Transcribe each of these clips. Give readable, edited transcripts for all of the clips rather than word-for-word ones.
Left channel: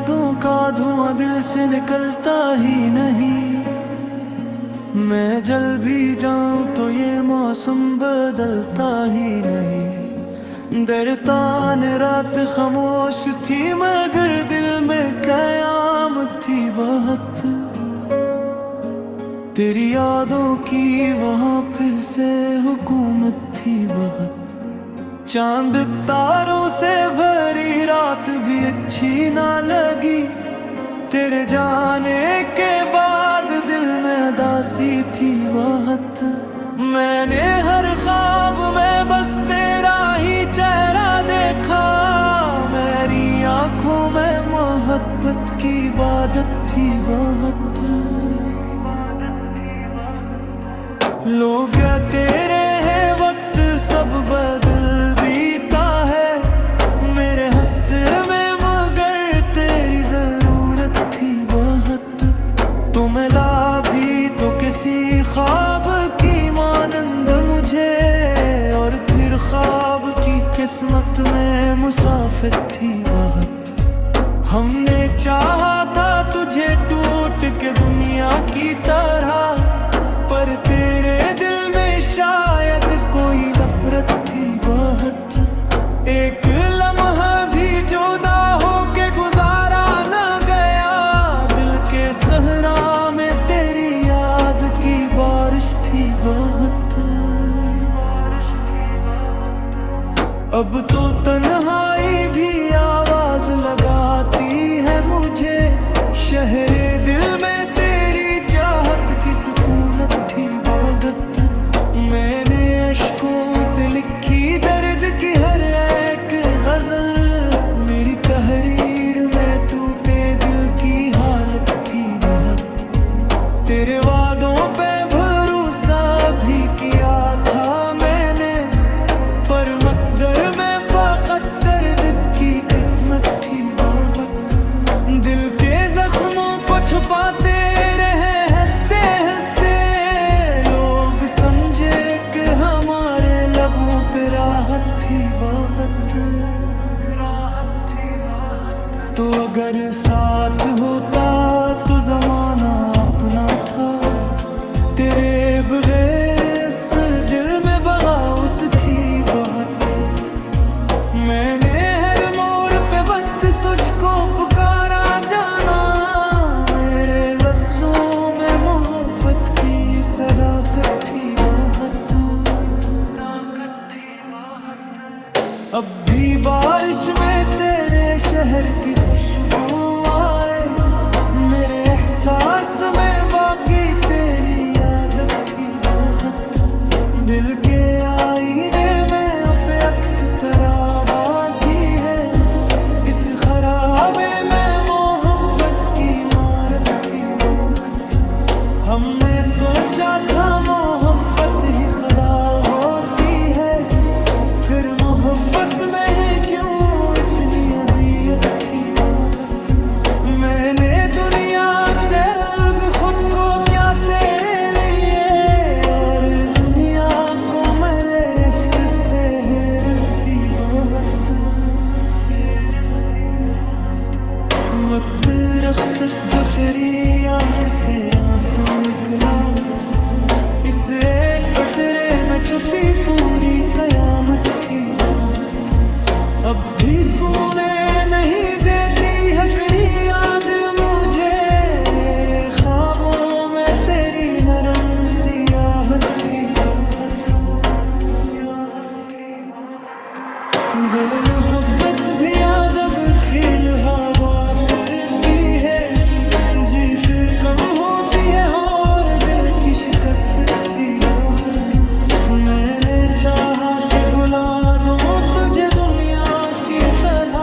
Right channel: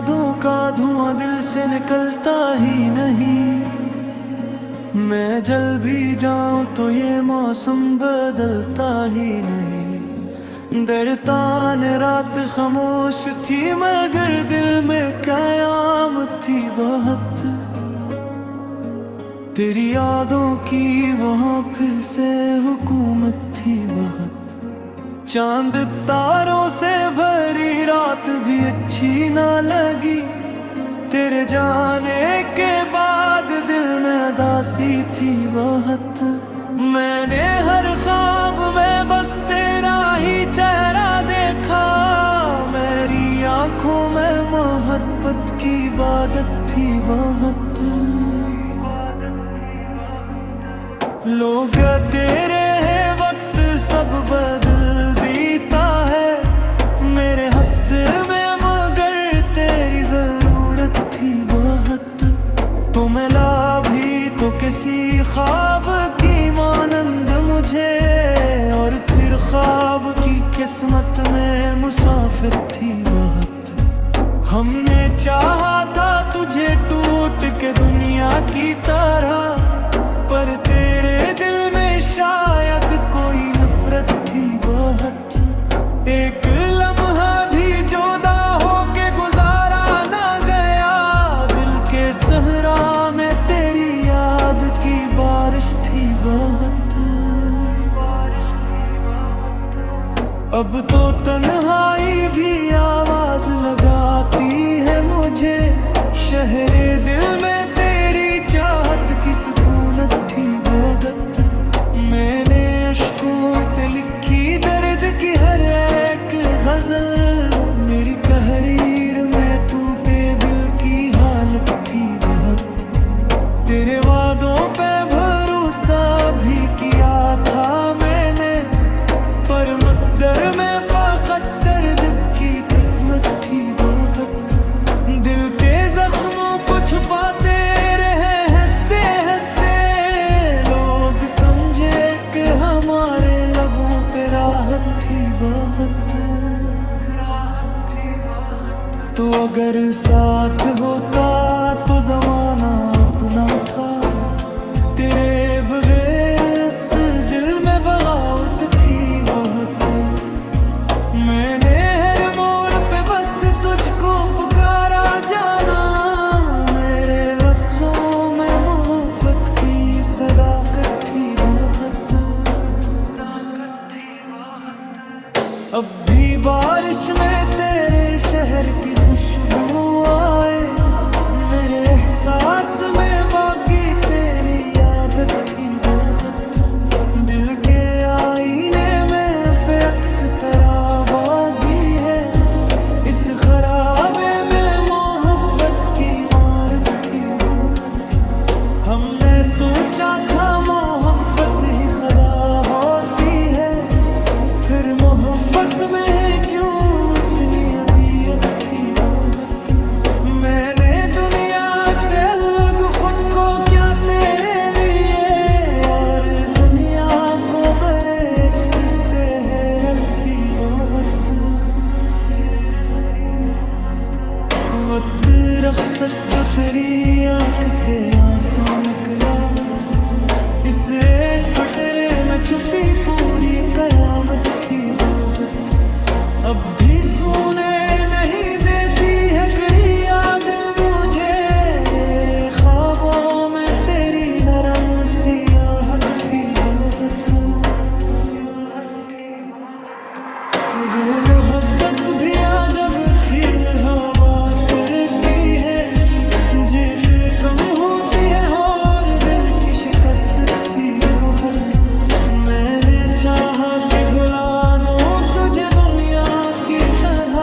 यादों का धुआं दिल से निकलता ही नहीं। मैं जल भी जाऊं तो ये मौसम बदलता ही नहीं। डरता न रात खामोश थी मगर दिल में कयामत थी बहुत। तेरी यादों की वहां फिर से हुकूमत थी बहुत। चांद तारों से भरी रात भी अच्छी ना लगी। तेरे जाने के बाद दिल में उदासी थी बहुत। मैंने हर ख्वाब में बस तेरा ही चेहरा देखा। मेरी आंखों में मोहब्बत की इबादत थी बहुत। लोग तेरे है वक्त सब बदल देता है मेरे हंस में, मगर तेरी जरूरत थी बहुत। तो मिला भी तो किसी ख्वाब की मानंद मुझे, और फिर ख्वाब की किस्मत में मुसाफिर थी बहुत। हमने चाहा था तुझे टूट के दुनिया की तरह, पर तेरे दिल में शायद कोई नफरत थी बहुत। एक लम्हा भी जुदा हो के गुजारा ना गया। दिल के सहरा में तेरी याद की बारिश थी बहुत। अब तो तन्हाई भी आवाज लगाती है मुझे। शहरे दिल में तेरी चाहत की सुकूनत थी बहुत। मैंने अश्कों से लिखी दर्द की हर एक गजल। मेरी तहरीर में टूटे दिल की हालत थी बहुत। तेरे वादों पे भरोसा भी किया था मैंने, पर मकदर में फकत दर्द की किस्मत थी बहुत। दिल के जख्मों को छुपाते रहे हंसते हंसते। लोग समझे कि हमारे लबों पे राहत थी बहुत। तो अगर साथ होता तो जमाना अपना था। तेरे बगैर इस दिल में बगावत थी बहुत। मैंने हर मोड़ पे बस तुझको पुकारा जाना। मेरे लफ्जों में मोहब्बत की सदाकत थी बहुत। अब भी बारिश में तेरे शहर की खुशबू आए। मेरे एहसास में बागी तेरी आदत थी बहुत। दिल के आईने में पे अक्स तरह बागी है। इस खराबे में मोहब्बत की इमारत थी बहुत। हमने सोचा था मोहब्बत ही खुदा होती है, फिर मोहब्बत में क्यों इतनी अजियत थी बहुत। मैंने दुनिया से अलग खुद को क्या तेरे लिए, और दुनिया को मेरे इश्क से हैरत थी बहुत। वक्त रख्सत जो तेरी आंख से आंसू निकला, इस एक कटरे में छुपी पूरी कयामत थी बहुत। अब भी सोने नहीं देती है करी याद मुझे। मेरे ख्वाबों में तेरी नरम सियाहत थी बहुत। वे मोहब्बत भी आ जब खिल हवा की है। जीत कम होती है और दिल की शिकस्त थी बहुत। मैंने चाहा कि भुला दूं तुझे दुनिया की तरह,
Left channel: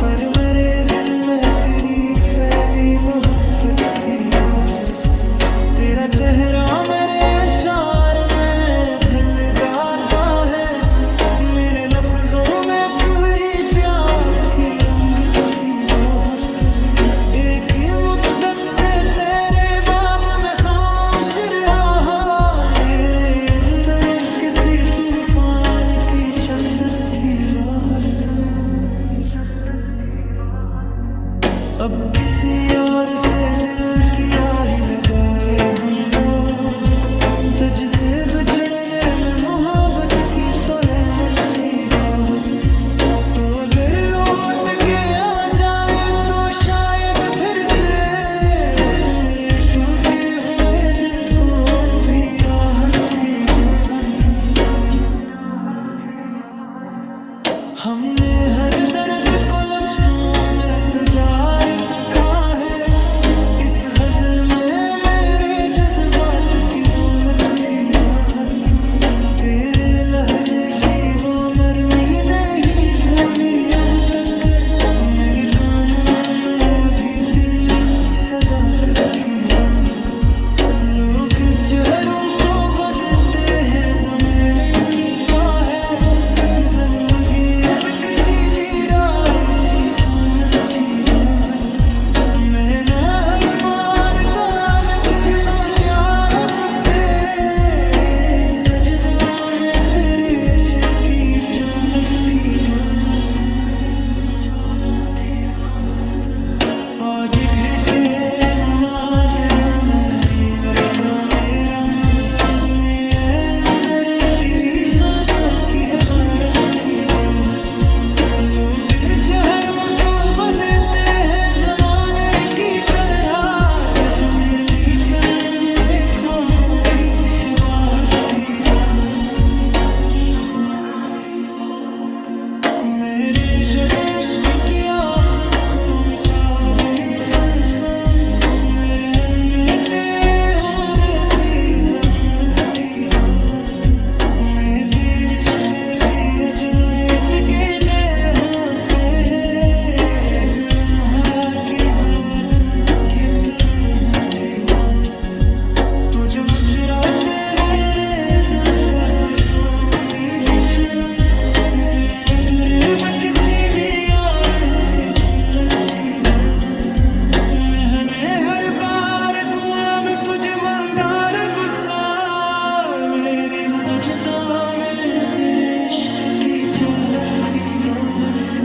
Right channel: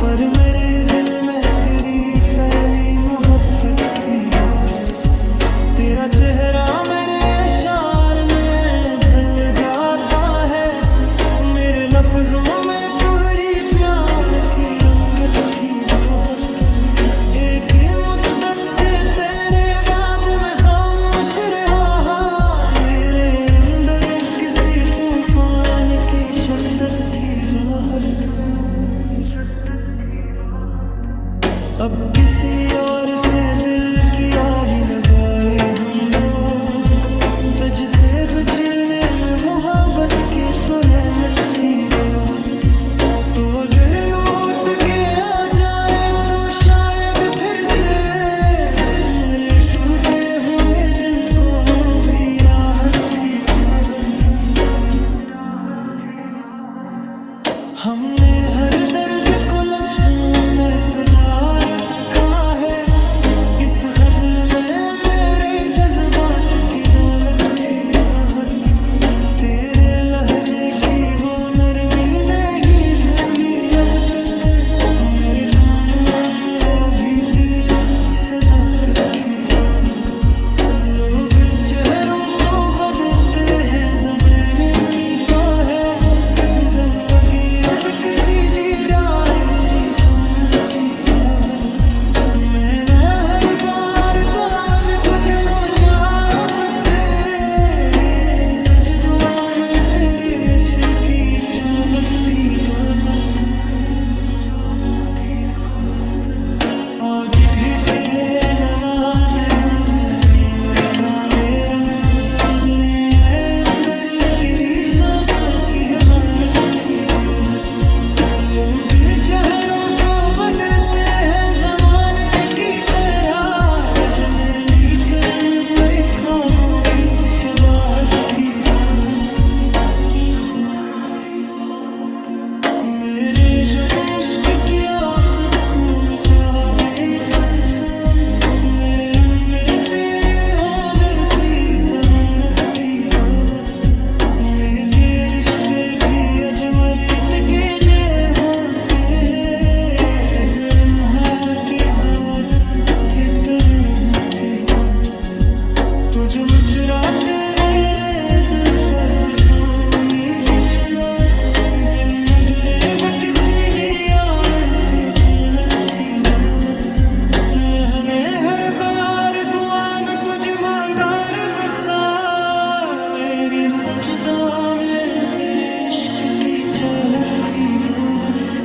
पर मेरे दिल में तेरी पहली मोहब्बत थी बहुत। तेरा चेहरा मेरे अशार में ढल जाता है। मेरे लफ्जों में पूरी प्यार की रंगत थी बहुत। एक ही मुद्दत से तेरे बाद में खामोश रहा। मेरे अंदर किसी तूफान की शिद्दत थी बहुत। अब किसी और से दिल की आही लगाए हम लोग, तुझसे बिछड़ने में मोहब्बत की तोलमत थी बहुत। तो अगर लौट के आ जाए तो शायद फिर से बस मेरे टूटे हुए दिल को भी राहत थी बहुत। हमने हर दर्द को लफ्जों में सजा रखा है, इस गजल में मेरे जज्बात की दौलत थी बहुत। तेरे लहजे की वो नरमी नहीं भूली अब तक, मेरे कानों में अभी तेरी सदाकत थी बहुत। लोग चेहरों को बदलते हैं, ज़माने की पाह है, जिंदगी एक सीधी राह सी तोमत थी बहुत। मैंने हर बार कहा तुझे नो अब से सजदुरा में तेरे अशर की दौलत थी दौलत। आज के मनादिरों ने बीवर का मेरा ने अंदर केरी साथों की हमारत थी दौलत। लोग चेहरों को बदलते हैं ज़माने की तरह, तज में लेकिन मेरे ख्वाबों की शबाहत थी दौलत। मेरे जब इश्क की आफत को मिटा बैठा, मेरे मिलते होने की ज़मानत थी बहुत। मेरे रिश्ते भी अजमरत के दे होते हैं, एक लम्हा की हाथ के तरह थी बात। तुझ मुचराते मेरे दिल का सुकून बिछड़ा, जिंदगी किसी भी यार से दिलत थी बात। मैंने हर बार दुआ में तुझे मांगा रब सा, मेरी सजदा में तेरे इश्क की चाहत थी बहुत।